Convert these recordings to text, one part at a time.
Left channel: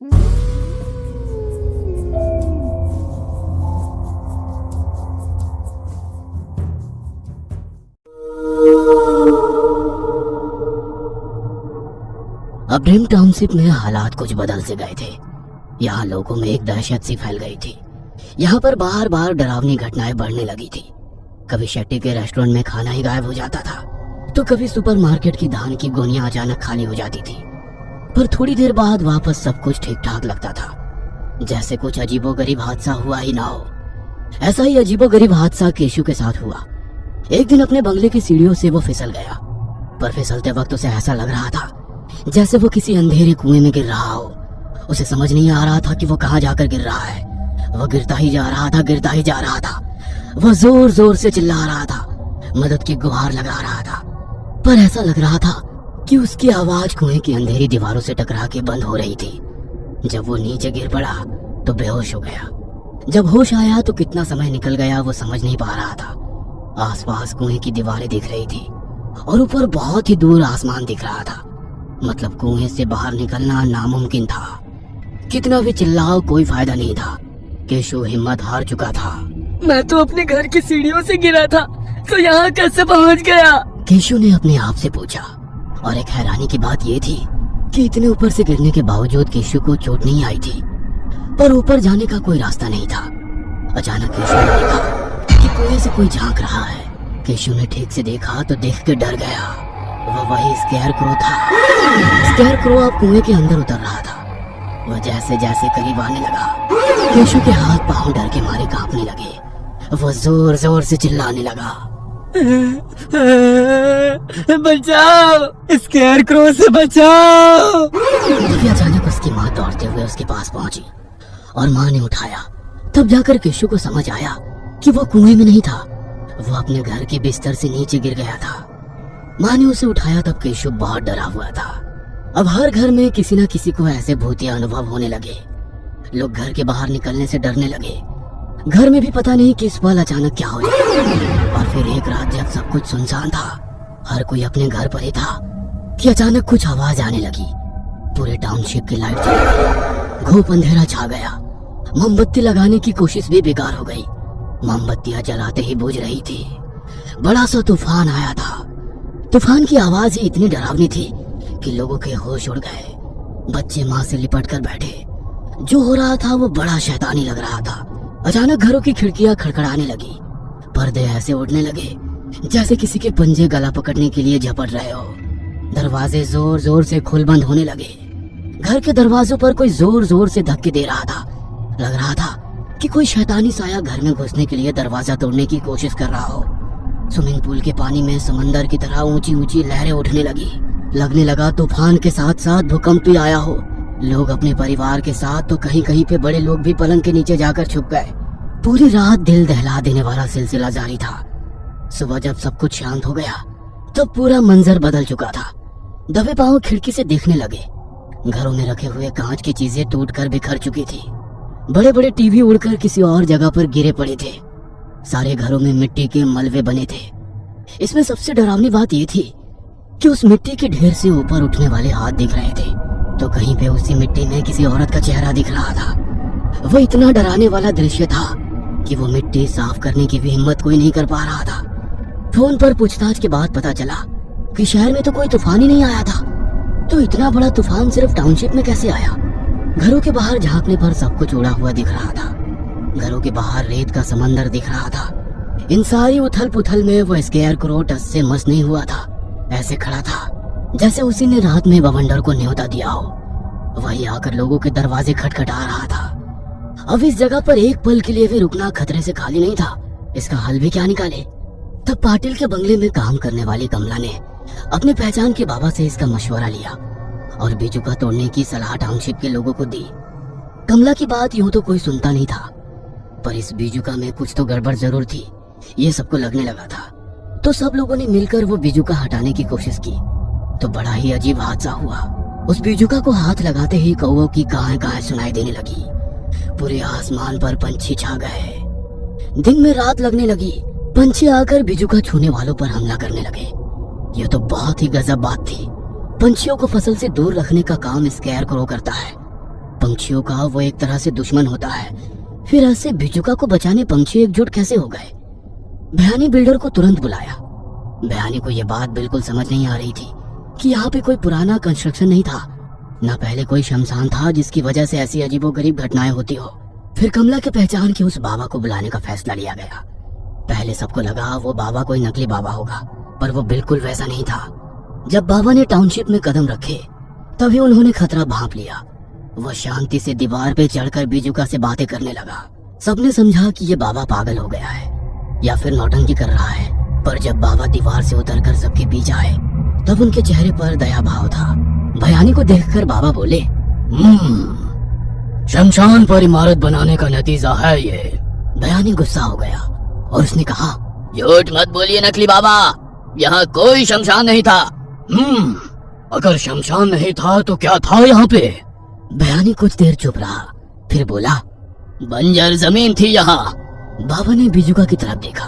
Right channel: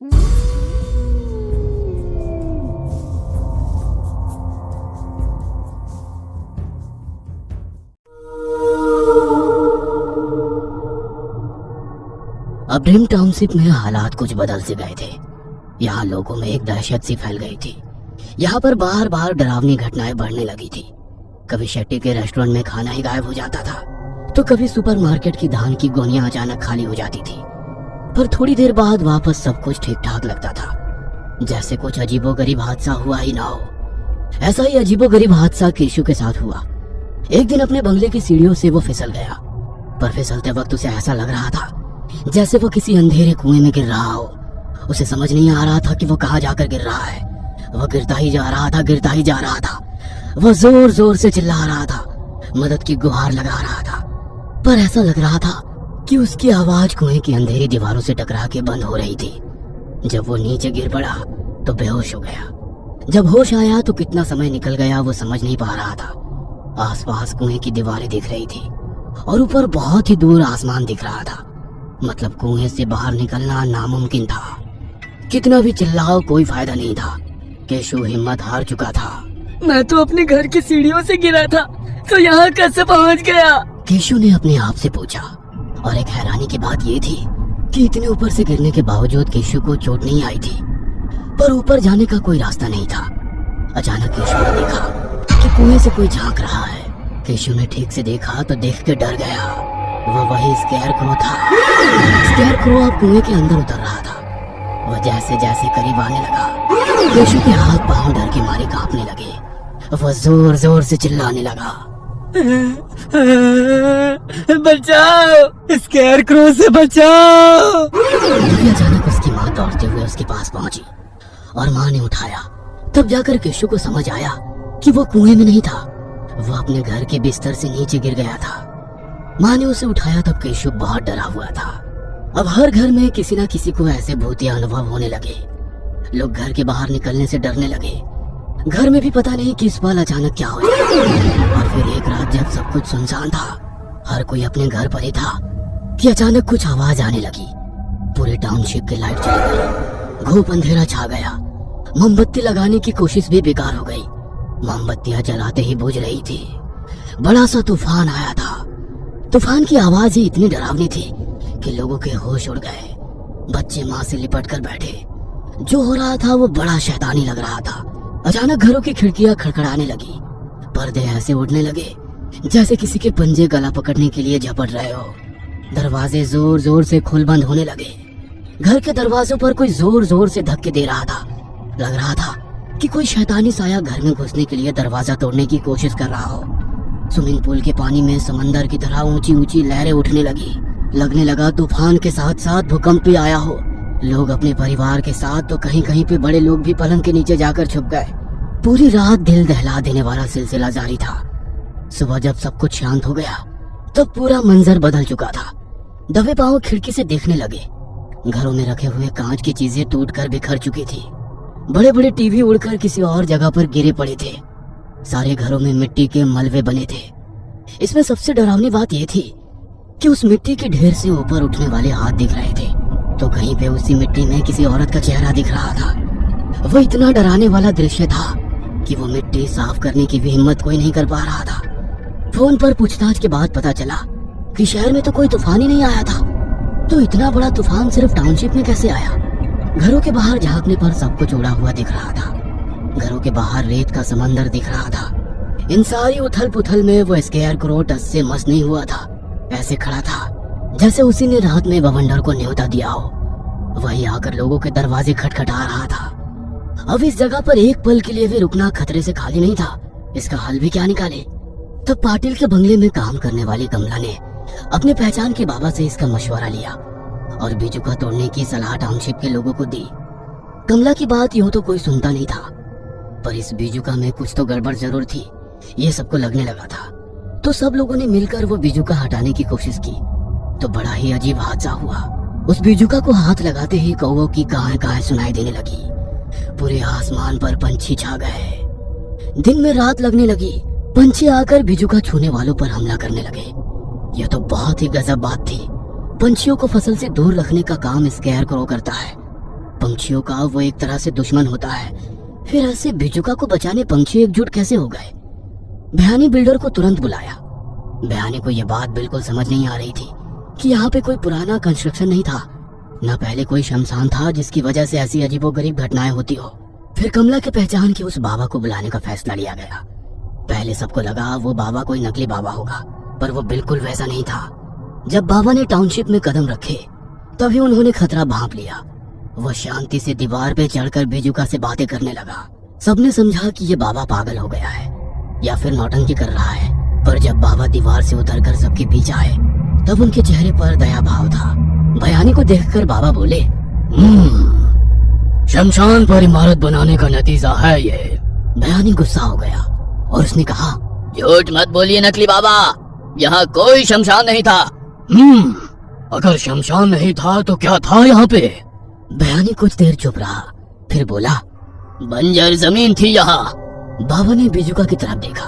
अब dream township में हालात कुछ बदल से गए थे। यहाँ लोगों में एक दहशत सी फैल गई थी। यहाँ पर बार बार डरावनी घटनाएं बढ़ने लगी थी। कभी शेट्टी के रेस्टोरेंट में खाना ही गायब हो जाता था, तो कभी सुपरमार्केट की धान की गोनियां अचानक खाली हो जाती थी। पर थोड़ी देर बाद वापस सब कुछ ठीक ठाक लगता था, जैसे कुछ अजीबोगरीब हादसा हुआ ही ना हो। ऐसा ही अजीबोगरीब हादसा केशु के साथ हुआ। एक दिन अपने बंगले की सीढ़ियों से वो फिसल गया, पर फिसलते वक्त उसे ऐसा लग रहा था जैसे वो किसी अंधेरे कुएं में गिर रहा हो। उसे समझ नहीं आ रहा था कि वो कहाँ जाकर गिर रहा है। वह गिरता ही जा रहा था, गिरता ही जा रहा था। वह जोर जोर से चिल्ला रहा था, मदद की गुहार लगा रहा था, पर ऐसा लग रहा था कि उसकी आवाज कुएं की अंधेरी दीवारों से टकरा के बंद हो रही थी। जब वो नीचे गिर पड़ा तो बेहोश हो गया। जब होश आया तो कितना समय निकल गया वो समझ नहीं पा रहा था। आसपास कुएं की दीवारें दिख रही थी और ऊपर बहुत ही दूर आसमान दिख रहा था। मतलब कुएं से बाहर निकलना नामुमकिन था। कितना भी चिल्लाओ कोई फायदा नहीं था। केशु हिम्मत हार चुका था। मैं तो अपने घर की सीढ़ियों से गिरा था, तो यहाँ कैसे पहुँच गया? केशु ने अपने आप से पूछा। और एक हैरानी की बात ये थी कि इतने ऊपर से गिरने के बावजूद केशु को चोट नहीं आई थी, पर ऊपर जाने का कोई रास्ता नहीं था। अचानक केशु ने देखा कि कुएं से कोई झांक रहा है। केशु ने ठीक से देखा तो देख के डर गया। वह वही स्केयरक्रो था। स्केयरक्रो अब कुएं के अंदर उतर रहा था। वह जैसे जैसे करीब आने लगा, केशु के हाथ पांव डर के मारे कांपने लगे। वह जोर जोर से चिल्लाने लगा, बचाओ, स्केयरक्रो से बचाओ। तभी अचानक उसकी माँ दौड़ते हुए उसके पास पहुंची और माँ ने उठाया। तब जाकर केशु को समझ आया कि वो कुएं में नहीं था, वो अपने घर के बिस्तर से नीचे गिर गया था। माँ ने उसे उठाया तब केशु बहुत डरा हुआ था। अब हर घर में किसी न किसी को ऐसे भूतिया अनुभव होने लगे। लोग घर के बाहर निकलने से डरने लगे। घर में भी पता नहीं किस पल अचानक क्या हो जाए। और फिर एक रात जब सब कुछ सुनसान था, हर कोई अपने घर पर ही था, कि अचानक कुछ आवाज आने लगी। पूरे टाउनशिप की लाइट चली गई। घूप अंधेरा छा गया। मोमबत्ती लगाने की कोशिश भी बेकार हो गई। मोमबत्तियां जलाते ही बुझ रही थी। बड़ा सा तूफान आया था। तूफान की आवाज ही इतनी डरावनी थी कि लोगों के होश उड़ गए। बच्चे माँ से लिपट कर बैठे। जो हो रहा था वो बड़ा शैतानी लग रहा था। अचानक घरों की खिड़कियां खड़खड़ाने लगी। पर्दे ऐसे उड़ने लगे जैसे किसी के पंजे गला पकड़ने के लिए झपट रहे हो। दरवाजे जोर जोर से खुल बंद होने लगे। घर के दरवाजों पर कोई जोर जोर से धक्के दे रहा था। लग रहा था कि कोई शैतानी साया घर में घुसने के लिए दरवाजा तोड़ने की कोशिश कर रहा हो। स्विमिंग पूल के पानी में समंदर की तरह ऊंची ऊंची लहरें उठने लगी। लगने लगा तूफान के साथ साथ भूकंप भी आया हो। लोग अपने परिवार के साथ तो कहीं कहीं पे बड़े लोग भी पलंग के नीचे जाकर छुप गए। पूरी रात दिल दहला देने वाला सिलसिला जारी था। सुबह जब सब कुछ शांत हो गया तब पूरा मंजर बदल चुका था। दबे पांव खिड़की से देखने लगे। घरों में रखे हुए कांच की चीजें टूटकर बिखर चुकी थी। बड़े बड़े टीवी उड़कर किसी और जगह पर गिरे पड़े थे। सारे घरों में मिट्टी के मलबे बने थे। इसमें सबसे डरावनी बात यह थी कि उस मिट्टी के ढेर से ऊपर उठने वाले हाथ दिख रहे थे, तो कहीं पे उसी मिट्टी में किसी औरत का चेहरा दिख रहा था। वह इतना डराने वाला दृश्य था कि वो मिट्टी साफ करने की भी हिम्मत कोई नहीं कर पा रहा था। फोन पर पूछताछ के बाद पता चला कि शहर में तो कोई तूफान ही नहीं आया था, तो इतना बड़ा तूफान सिर्फ टाउनशिप में कैसे आया? घरों के बाहर झांकने पर सब कुछ उड़ा हुआ दिख रहा था। घरों के बाहर रेत का समंदर दिख रहा था। इन सारी उथल पुथल में वो स्केयरक्रो टस से मस नहीं हुआ था। ऐसे खड़ा था जैसे उसी ने रात में बवंडर को न्योता दिया हो। वही आकर लोगों के दरवाजे खटखटा रहा था। अब इस जगह पर एक पल के लिए भी रुकना खतरे से खाली नहीं था। इसका हल भी क्या निकाले? तब पाटिल के बंगले में काम करने वाली कमला ने अपनी पहचान के बाबा से इसका मशवरा लिया और बिजुका तोड़ने की सलाह टाउनशिप के लोगों को दी। कमला की बात यूं तो कोई सुनता नहीं था, पर इस बिजुका में कुछ तो गड़बड़ जरूर थी, ये सबको लगने लगा था। तो सब लोगों ने मिलकर वो बिजुका हटाने की कोशिश की, तो बड़ा ही अजीब हादसा हुआ। उस बिजुका को हाथ लगाते ही कौवों की कहां सुनाई देने लगी। पूरे आसमान पर पंछी छा गए। दिन में रात लगने लगी। पंछी आकर बिजुका छूने वालों पर हमला करने लगे। यह तो बहुत ही गजब बात थी। पंछियों को फसल से दूर रखने का काम स्केयरक्रो करता है। पंछियों का वो एक तरह से दुश्मन होता है, फिर ऐसे बिजुका को बचाने पंछी एकजुट कैसे हो गए? भयानी बिल्डर को तुरंत बुलाया। भयानी को यह बात बिल्कुल समझ नहीं आ रही थी कि यहाँ पे कोई पुराना कंस्ट्रक्शन नहीं था, न पहले कोई शमशान था जिसकी वजह से ऐसी अजीबोगरीब घटनाएं होती हो। फिर कमला की पहचान की उस बाबा को बुलाने का फैसला लिया गया। पहले सबको लगा वो बाबा कोई नकली बाबा होगा, पर वो बिल्कुल वैसा नहीं था। जब बाबा ने टाउनशिप में कदम रखे तभी उन्होंने खतरा भांप लिया। वह शांति से दीवार पे चढ़कर बिजुका से बातें करने लगा। सबने समझा कि ये बाबा पागल हो गया है या फिर नौटंकी कर रहा है, पर जब बाबा दीवार से उतरकर सबके बीच आए तब उनके चेहरे पर दया भाव था। भयानी को देखकर बाबा बोले, शमशान पर इमारत बनाने का नतीजा है ये। भयानी गुस्सा हो गया और उसने कहा, झूठ मत बोलिए नकली बाबा, यहाँ कोई शमशान नहीं था। अगर शमशान नहीं था तो क्या था यहाँ पे? भयानी कुछ देर चुप रहा, फिर बोला, बंजर जमीन थी यहाँ। बाबा ने बिजुका की तरफ देखा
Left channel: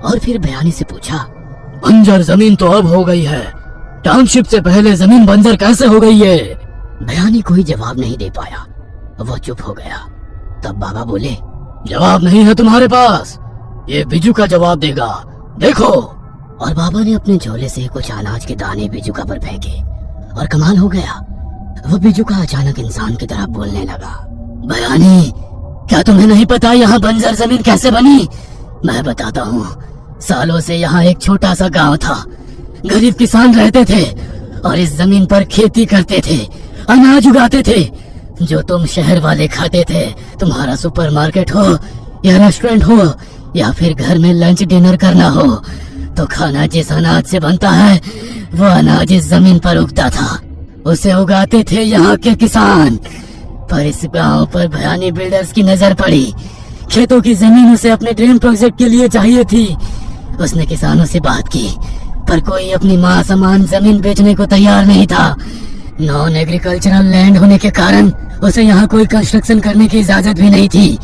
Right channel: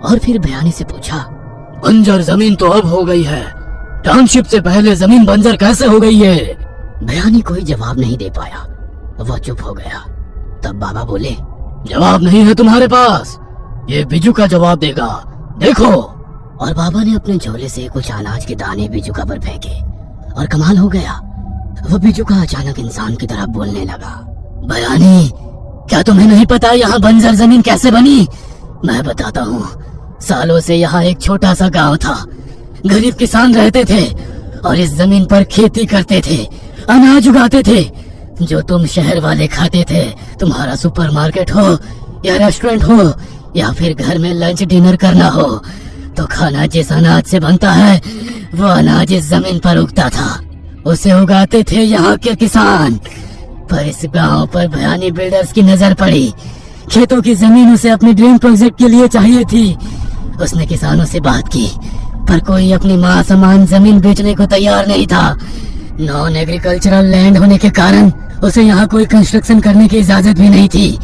और फिर भयानी से पूछा, बंजर जमीन तो अब हो गई है, टाउनशिप से पहले जमीन बंजर कैसे हो गई है? भयानी कोई जवाब नहीं दे पाया, वह चुप हो गया। तब बाबा बोले, जवाब नहीं है तुम्हारे पास, ये बिजुका जवाब देगा, देखो। और बाबा ने अपने झोले से कुछ अनाज के दाने बिजुका पर फेंके और कमाल हो गया, वो बिजुका अचानक इंसान की तरह बोलने लगा। भयानी, क्या तुम्हें नहीं पता यहाँ बंजर जमीन कैसे बनी? मैं बताता हूँ। सालों से यहाँ एक छोटा सा गांव था, गरीब किसान रहते थे और इस जमीन पर खेती करते थे, अनाज उगाते थे जो तुम शहर वाले खाते थे। तुम्हारा सुपरमार्केट हो या रेस्टोरेंट हो या फिर घर में लंच डिनर करना हो, तो खाना जिस अनाज से बनता है वो अनाज इस जमीन पर उगता था, उसे उगाते थे यहाँ के किसान। पर इस गांव पर भयानी बिल्डर्स की नजर पड़ी। खेतों की जमीन उसे अपने ड्रीम प्रोजेक्ट के लिए चाहिए थी। उसने किसानों से बात की, पर कोई अपनी माँ समान जमीन बेचने को तैयार नहीं था। नॉन एग्रीकल्चरल लैंड होने के कारण उसे यहाँ कोई कंस्ट्रक्शन करने की इजाजत भी नहीं थी।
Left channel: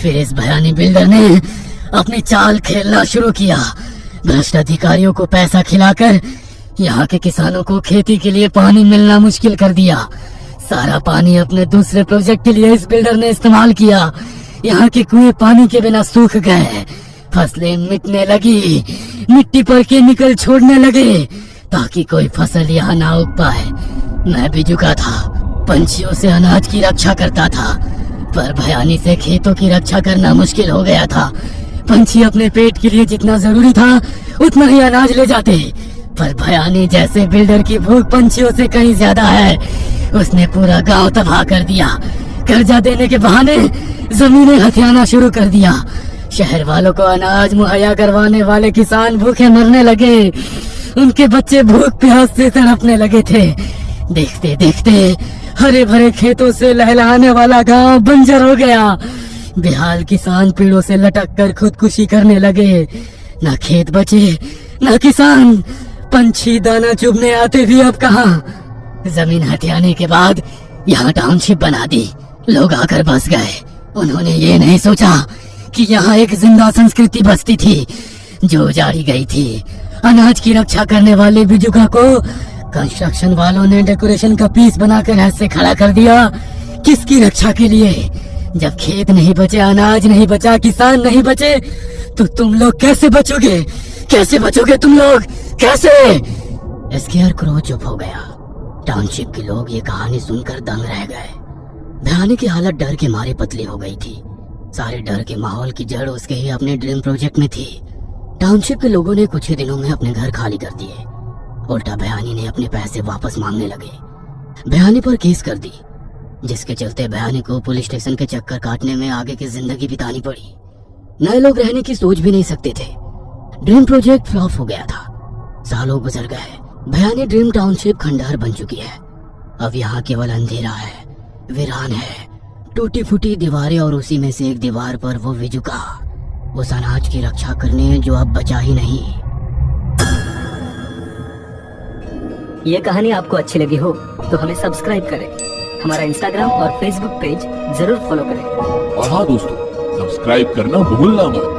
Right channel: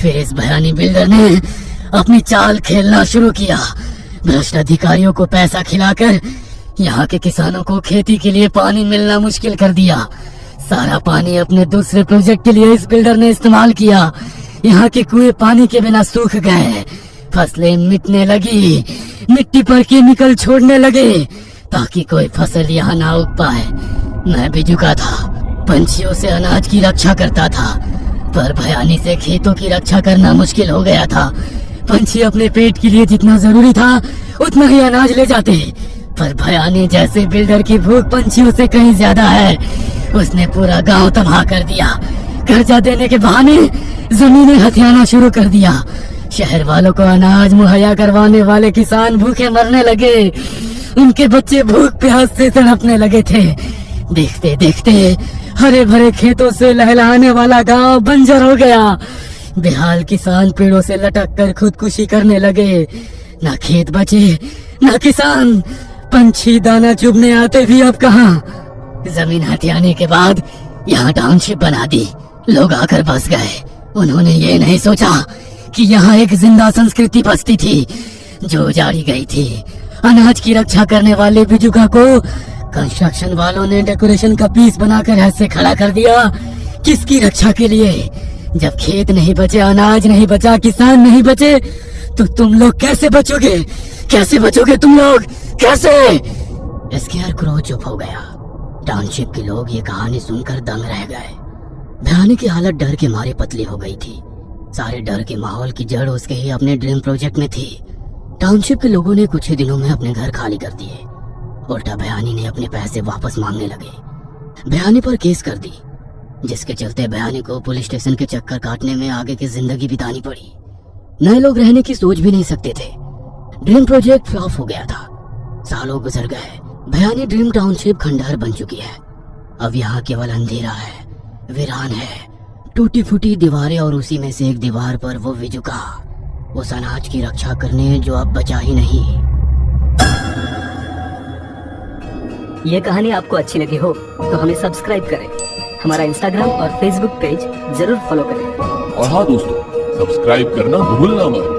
फिर इस भयानी बिल्डर ने अपनी चाल खेलना शुरू किया। भ्रष्ट अधिकारियों को पैसा खिलाकर यहाँ के किसानों को खेती के लिए पानी मिलना मुश्किल कर दिया। सारा पानी अपने दूसरे प्रोजेक्ट के लिए इस बिल्डर ने इस्तेमाल किया। यहाँ के कुएं पानी के बिना सूख गए, फसलें मिटने लगी, मिट्टी पर केमिकल छोड़ने लगे ताकि कोई फसल यहाँ ना उग पाए। मैं बिजुका था, पंछियों से अनाज की रक्षा करता था, पर भयानी से खेतों की रक्षा करना मुश्किल हो गया था। पंछी अपने पेट के लिए जितना जरूरी था उतना ही अनाज ले जाते, पर भयानी जैसे बिल्डर की भूख पंछियों से कहीं ज्यादा है। उसने पूरा गांव तबाह कर दिया। कर्जा देने के बहाने जमीनें हथियाना शुरू कर दिया। शहर वालों को अनाज मुहैया करवाने वाले किसान भूखे मरने लगे। उनके बच्चे भूख प्यास से तड़पने लगे थे। देखते देखते हरे भरे खेतों से लहलहाने वाला गांव बंजर हो गया। बेहाल किसान पेड़ों से लटक कर खुदकुशी करने लगे। न खेत बचे न किसान, पंछी दाना चुभने आते थे अब कहाँ। जमीन हथियाने के बाद यहाँ टाउनशिप बना दी। लोग आकर बस गए। उन्होंने ये नहीं सोचा कि यहाँ एक जिंदा संस्कृति बसती थी जो उजाड़ी गई थी। अनाज की रक्षा करने वाले बिजुका को कंस्ट्रक्शन वालों ने डेकोरेशन का पीस बनाकर ऐसे खड़ा कर दिया। किसकी रक्षा के लिए? जब खेत नहीं बचे, अनाज नहीं बचा, किसान नहीं बचे, तो तुम लोग कैसे बचोगे? कैसे बचोगे तुम लोग? कैसे? एस्केयर क्रो चुप हो गया। टाउनशिप के लोग ये कहानी सुनकर दंग रह गए। भयानी की हालत डर के मारे पतली हो गई थी। सारे डर के माहौल की जड़ उसके ही अपने ड्रीम प्रोजेक्ट में थी। टाउनशिप के लोगों ने कुछ ही दिनों में अपने घर खाली कर दिए। उल्टा भयानी ने अपने पैसे वापस मांगने लगे। भयानी पर केस कर दी, जिसके चलते भयानी को पुलिस स्टेशन के चक्कर काटने में आगे की जिंदगी बितानी पड़ी। नए लोग रहने की सोच भी नहीं सकते थे। ड्रीम प्रोजेक्ट फ्लॉप हो गया था। सालों गुजर गए। भयानी ड्रीम टाउनशिप खंडहर बन चुकी है। अब यहाँ केवल अंधेरा है, वीरान है, टूटी फूटी दीवारें और उसी में से एक दीवार पर वो विजुका, उस अनाज की रक्षा करने जो अब बचा ही नहीं। ये कहानी आपको अच्छी लगी हो तो हमें सब्सक्राइब करें, हमारा इंस्टाग्राम और फेसबुक पेज जरूर फॉलो करें। और हाँ दोस्तों, सब्सक्राइब करना भूलना मत।